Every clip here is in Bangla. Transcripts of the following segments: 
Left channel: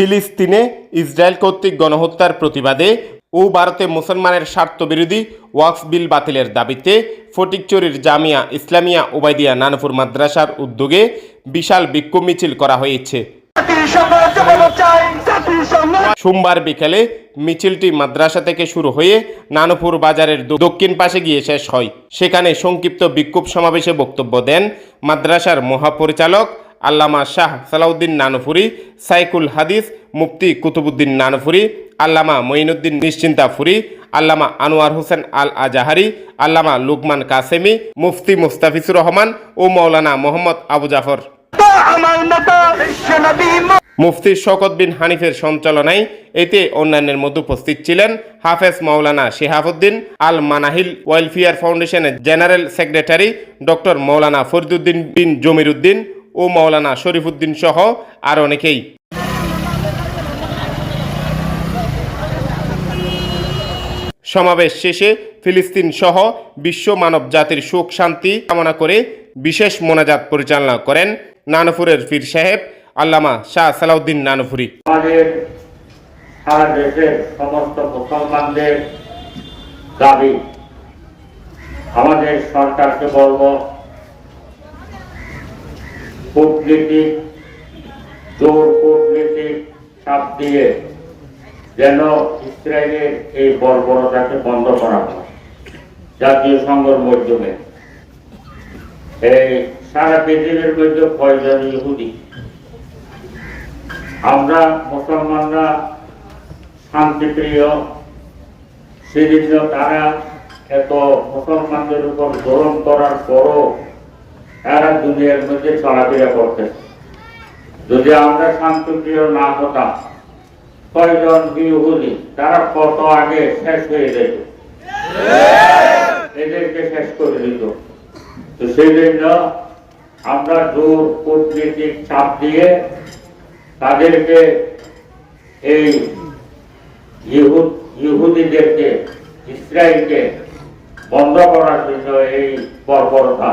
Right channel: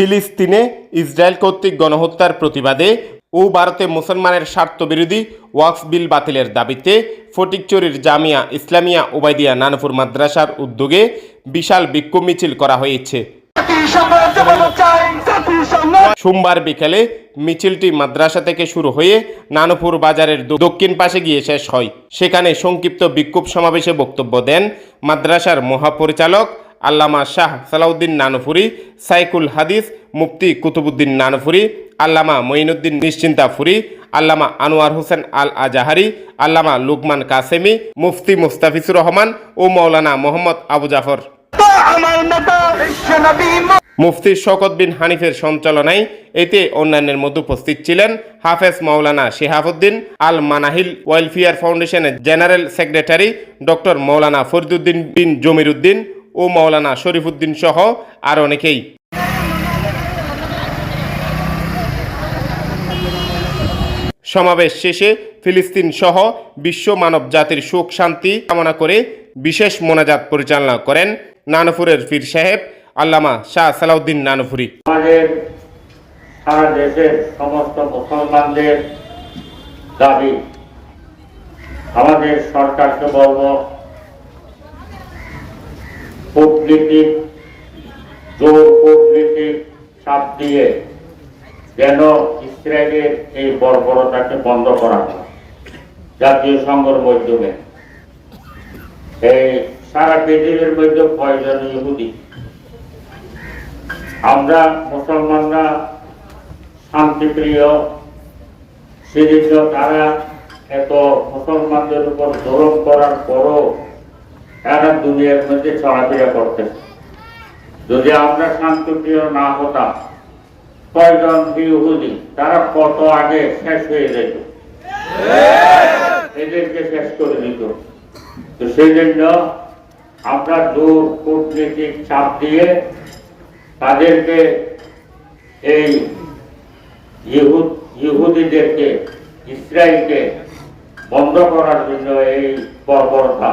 ফিলিস্তিনে ইসরায়েল কর্তৃক গণহত্যার প্রতিবাদে ও ভারতে মুসলমানের স্বার্থবিরোধী ওয়াকফ বিল বাতিলের দাবিতে ফটিকচুরির জামিয়া ইসলামিয়া ওবায়দিয়া নানপুর মাদ্রাসার উদ্যোগে বিশাল বিক্ষোভ মিছিল করা হয়েছে। সোমবার বিকেলে মিছিলটি মাদ্রাসা থেকে শুরু হয়ে নানপুর বাজারের দক্ষিণ পাশে গিয়ে শেষ হয়। সেখানে সংক্ষিপ্ত বিক্ষোভ সমাবেশে বক্তব্য দেন মাদ্রাসার মহাপরিচালক আল্লামা শাহ সালাউদ্দিন নানপুরি সাইকুল হাদিস মুফতি কুতুবুদ্দিন নানপুরি আল্লামা মঈনুদ্দিন নিশ্চিন্তা ফুরি আল্লামা আনোয়ার হোসেন আল আজাহারি আল্লামা লুকমান কাসেমি, মুফতি মুস্তাফিজুর রহমান ও মৌলানা মোহাম্মদ আবু জাফর। মুফতি শকত বিন হানিফের সঞ্চালনায় এতে অন্যান্যের মধ্যে উপস্থিত ছিলেন হাফেজ মৌলানা শেহাবুদ্দিন আল মানাহিল ওয়েলফেয়ার ফাউন্ডেশনের জেনারেল সেক্রেটারি ডক্টর মৌলানা ফরিদুদ্দিন বিন জমিরুদ্দিন ও মৌলানা শরীফুদ্দিন সহ আর অনেকেই। সমাবেশ শেষে ফিলিস্তিন সহ বিশ্ব মানব জাতির সুখ, শান্তি কামনা করে বিশেষ মোনাজাত পরিচালনা করেন নানপুরের পীর সাহেব আল্লামা শাহ সালাউদ্দিন নানপুরি। আমাদের সমস্ত মুসলমানদের দাবি, আমাদের সরকারকে বলব কূটনীতিক জোর কূটনীতিক চাপ দিয়ে যেন ইসরায়েলের এই বর্বরতাকে বন্ধ করা হয়। জাতীয় সংঘের মাধ্যমে। এই সারা পৃথিবীর মধ্যে কয়জন ইহুদি? আমরা মুসলমানরা শান্তিপ্রিয় সেজন্য তারা এত মুসলমানদের উপর জোরম করার পরও এরা দুনিয়ার মধ্যে চলাফেরা করতে যদি আমরা শান্তিপ্রিয় না হতাম, কয়জন বিহুদি তারা কত আগে শেষ হয়ে যেত? এদেরকে শেষ করে দিত। তো সেই জন্য আমরা দূর কূটনীতিক চাপ দিয়ে তাদেরকে এই ইহুদ, ইহুদিদেরকে ইসরায়েলকে বন্ধ করার জন্য এই বর্বরতা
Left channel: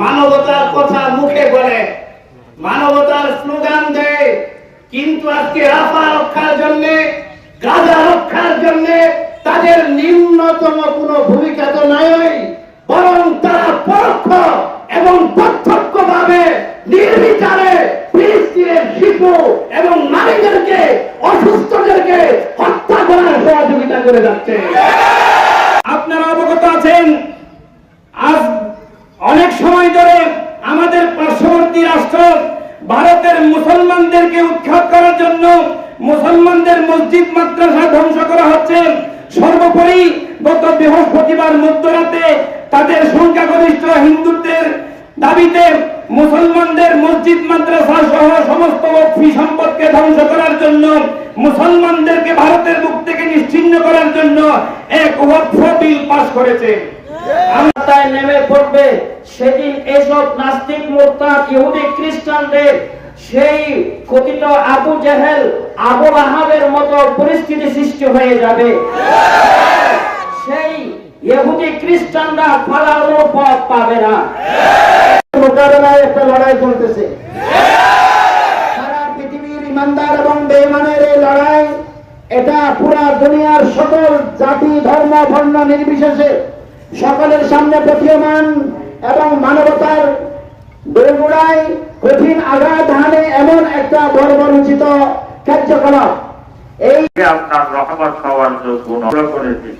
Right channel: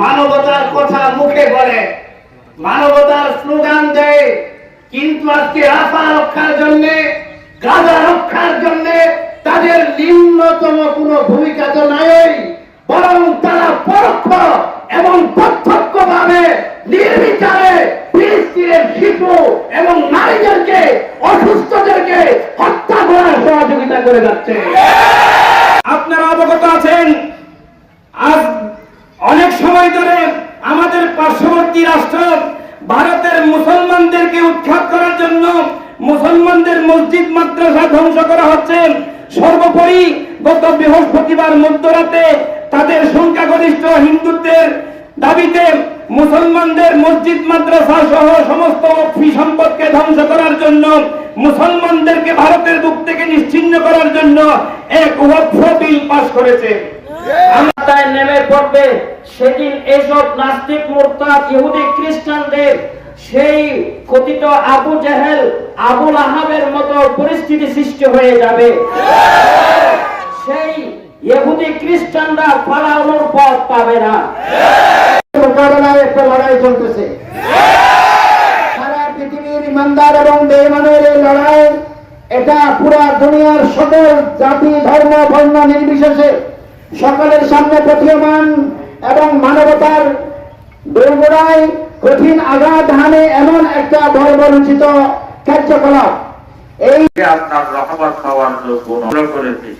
মানবতার কথা মুখে বলে। মানবতার স্লোগান দেয়, কিন্তু আজকে রাফা রক্ষার জন্য, গাজা রক্ষার জন্য তাদের নিম্নতম কোনো ভূমিকা তো নাই, বরং তারা পরোক্ষ এবং প্রত্যক্ষ ভাবে নির্বিচারে ফিলিস্তিনের শিশু এবং নারীদেরকে, অসুস্থদেরকে হত্যা করার সহযোগিতা করে যাচ্ছে আপনারা অবগত আছেন আজ অনেক সময় ধরে আমাদের পার্শ্ববর্তী রাষ্ট্র ভারতের মুসলমানদেরকে উৎখাত করার জন্য মুসলমানদের মসজিদ, মাদ্রাসা ধ্বংস করা হচ্ছে। সর্বোপরি গত বৃহস্পতিবার মধ্যরাতে তাদের সংখ্যাগরিষ্ঠ হিন্দুত্বের দাবিতে মুসলমানদের মসজিদ, মাদ্রাসা সহ সমস্ত সম্পদকে ধ্বংস করার জন্য, মুসলমানদেরকে ভারতের বুক থেকে নিশ্চিহ্ন করার জন্য এক বিল পাস করেছে। নেমে পড়বে সেদিন এসব নাস্তিক, মোরতাদ, ইহুদি, খ্রিস্টানদের সেই কথিত আবু জেহেল আবুল আহাবের মতো পরিস্থিতি সৃষ্টি হয়ে যাবে। সেই ইহুদি খ্রিস্টানরা পালানোর পথ পাবে না। একটা লড়াই চলতেছে সারা পৃথিবীর ইমানদার এবং এই লড়াই, এটা পুরা দুনিয়ার সকল জাতি, ধর্ম, বর্ণ নির্বিশেষে সকলের সামনে প্রতীয়মান এবং মানবতার দোরগোড়ায় কঠিন আঘাত হানে এমন একটা বর্বরচিত কার্যকলাপ। এই আপনার রহমত পাওয়ার যোগ্য করেছি